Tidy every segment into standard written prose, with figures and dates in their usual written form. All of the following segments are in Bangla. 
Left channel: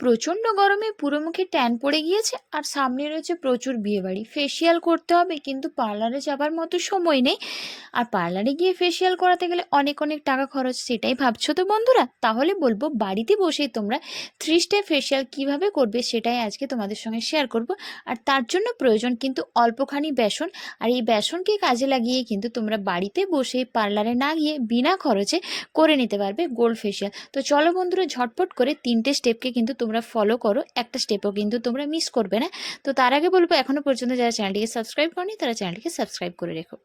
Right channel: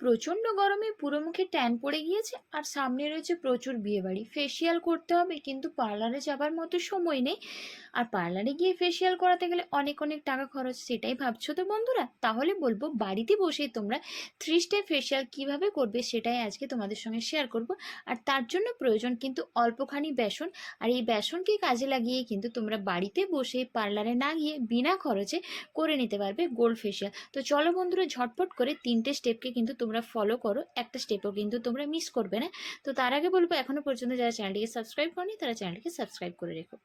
প্রচণ্ড গরমে পুরো মুখে ট্যান পড়ে গিয়েছে আর সামনে রয়েছে প্রচুর বিয়েবাড়ি। ফেসিয়াল করতে হবে কিন্তু পার্লারে যাবার মতো সময় নেই। আর পার্লারে গিয়ে ফেসিয়াল করাতে গেলে অনেক অনেক টাকা খরচ, সেটাই ভাবছো তো বন্ধুরা? তাহলে বলবো বাড়িতে বসেই তোমরা 3 স্টেপ ফেসিয়াল কিভাবে করবে সেটাই আজকে তোমাদের সঙ্গে শেয়ার করব। আর তার জন্য প্রয়োজন কিন্তু অল্পখানি বেসন। আর এই বেসনকে কাজে লাগিয়ে কিন্তু তোমরা বাড়িতে বসে পার্লারে না গিয়ে বিনা খরচে করে নিতে পারবে গোল্ড ফেসিয়াল। তো চলো বন্ধুরা, ঝটপট করে 3টে স্টেপকে কিন্তু তোমরা ফলো করো, একটা স্টেপও কিন্তু তোমরা মিস করবে না। তো তার আগে বলবো, এখনো পর্যন্ত যারা চ্যানেলটিকে সাবস্ক্রাইব করনি তারা চ্যানেলটিকে সাবস্ক্রাইব করে রেখো।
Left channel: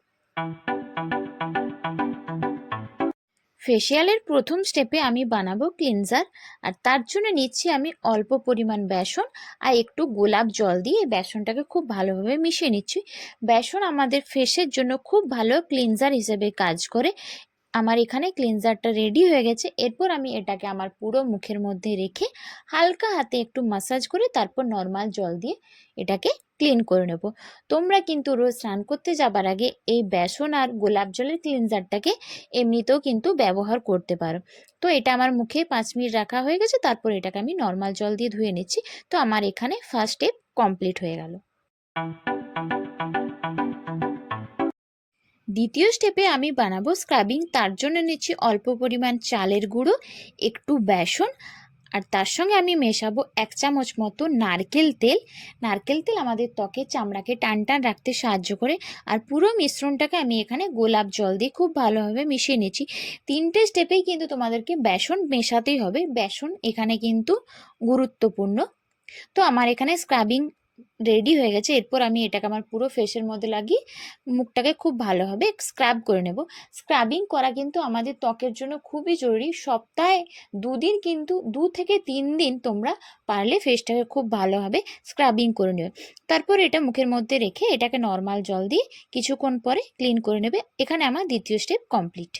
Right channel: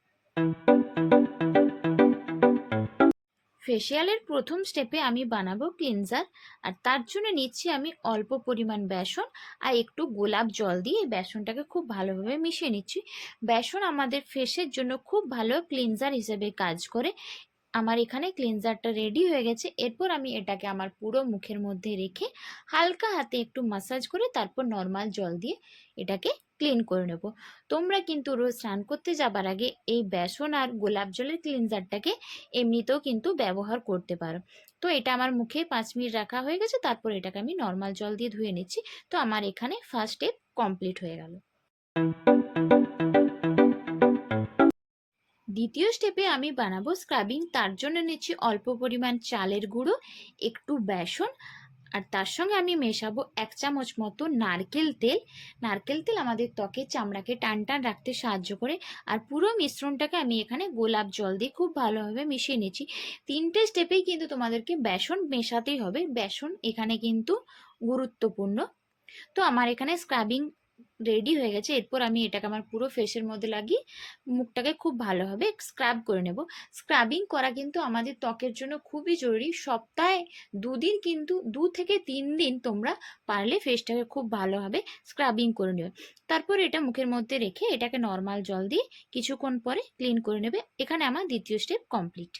ফেসিয়ালের প্রথম স্টেপে আমি বানাবো ক্লিনজার। আর তার জন্য নিচ্ছি আমি অল্প পরিমাণ বেসন আর একটু গোলাপ জল দিয়ে বেসনটাকে খুব ভালোভাবে মিশিয়ে নিচ্ছি। বেসন আমাদের ফেসের জন্য খুব ভালো ক্লিনজার হিসেবে কাজ করে। আমার এখানে ক্লিনজারটা রেডি হয়ে গেছে। এরপর আমি এটাকে আমার পুরো মুখের মধ্যে রেখে হালকা হাতে একটু মাসাজ করে তারপর নর্মাল জল দিয়ে এটাকে ক্লিন করে নেব। তোমরা কিন্তু রোজ স্নান করতে যাবার আগে এই বেসন আর গোলাপ জলের ক্লিনজারটাকে এমনিতেও কিন্তু ব্যবহার করতে পারো। তো এটা আমার মুখে 5 মিনিট রাখা হয়ে গেছে, তারপর এটাকে আমি নর্মাল জল দিয়ে ধুয়ে নিচ্ছি। তো আমার এখানে ফার্স্ট স্টেপ কমপ্লিট হয়ে গেল। দ্বিতীয় স্টেপে আমি বানাবো স্ক্রাবিং। তার জন্য নিচ্ছি অল্প পরিমাণ চালের গুঁড়ো, একটু বেসন, আর তার সঙ্গে আমি মেশাবো 1 চামচ মতো নারকেল তেল। নারকেল তেল আমাদের ত্বকের চামড়াকে টান টান রাখতে সাহায্য করে। আর পুরো মিশ্রণটাকে আমি এখানে গোলাপ জল দিয়ে খুব ভালোভাবে মিশিয়ে নিচ্ছি। 3টে স্টেপেই কিন্তু তোমাদেরকে বেসন মেশাতেই হবে, বেসন এখানে কিন্তু গুরুত্বপূর্ণ। তো আমার এখানে স্ক্রাবিং রেডি হয়ে গেছে। এরপর আমি এটাকে আমার পুরো ফেসের মধ্যে লাগিয়ে মুখটাকে খুব ভালোভাবে স্ক্রাব করে নেব। স্ক্রাবিং করা কিন্তু আমাদের ত্বকের জন্য খুবই জরুরি। সপ্তাহে 2 দিন, কিন্তু 2 থেকে 3 দিন তোমরা পারলে ফেসটাকে খুব ভালোভাবে স্ক্রাবিং করে নেবে। তারপর এটা মুখের মধ্যে রেখে এটাকে নর্মাল জল দিয়ে কিছুক্ষণ পরে ক্লিন করে নেবে। এখানে আমার দ্বিতীয় স্টেপ কমপ্লিট।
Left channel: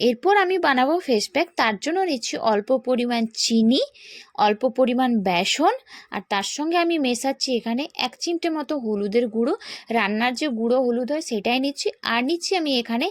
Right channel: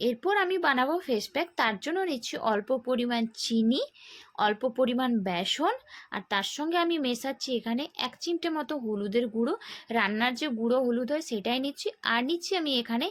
এরপর আমি বানাবো ফেস প্যাক। তার জন্য নিচ্ছি অল্প পরিমাণ চিনি, অল্প পরিমাণ বেসন, আর তার সঙ্গে আমি মেশাচ্ছি এখানে 1 চিমটে মতো হলুদের গুঁড়ো। রান্নার যে গুঁড়ো হলুদ হয় সেটাই নিচ্ছি। আর নিচ্ছি আমি এখানে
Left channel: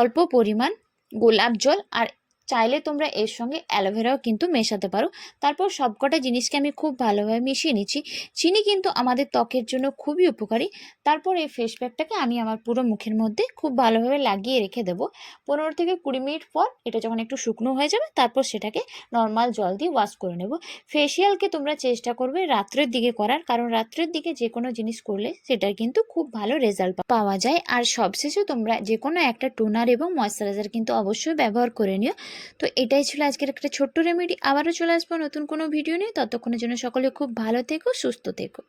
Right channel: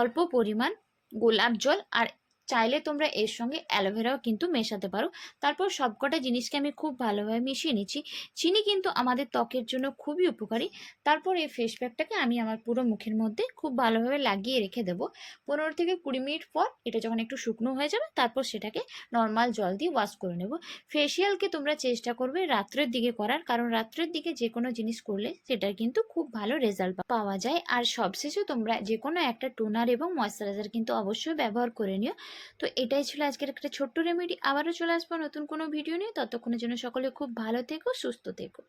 অল্প পরিমাণ গোলাপ জল, আর চাইলে তোমরা এর সঙ্গে অ্যালোভেরাও কিন্তু মেশাতে পারো। তারপর সবকটা জিনিসকে আমি খুব ভালোভাবে মিশিয়ে নিচ্ছি। চিনি কিন্তু আমাদের ত্বকের জন্য খুবই উপকারী। তারপর এই ফেস প্যাকটাকে আমি আমার পুরো মুখের মধ্যে খুব ভালোভাবে লাগিয়ে রেখে দেবো। 15 থেকে 20 মিনিট পর এটা যখন একটু শুকনো হয়ে যাবে তারপর সেটাকে নর্মাল জল দিয়ে ওয়াশ করে নেব। ফেসিয়ালকে তোমরা চেষ্টা করবে রাত্রের দিকে করার, কারণ রাত্রের দিকে যে কোনো জিনিস করলে সেটার কিন্তু খুব ভালো রেজাল্ট পাওয়া যায়। আর সবশেষে তোমরা যে কোনো একটা টোনার এবং ময়শ্চারাইজার কিন্তু অবশ্যই ব্যবহার করে নিও। তো এটাই ছিল আজকের একটা ছোট্ট রেমেডি। আবারও চলে আসবো নতুন কোনো ভিডিও নিয়ে। ততক্ষণের জন্য সকলে খুব ভালো থেকো, সুস্থ থেকো।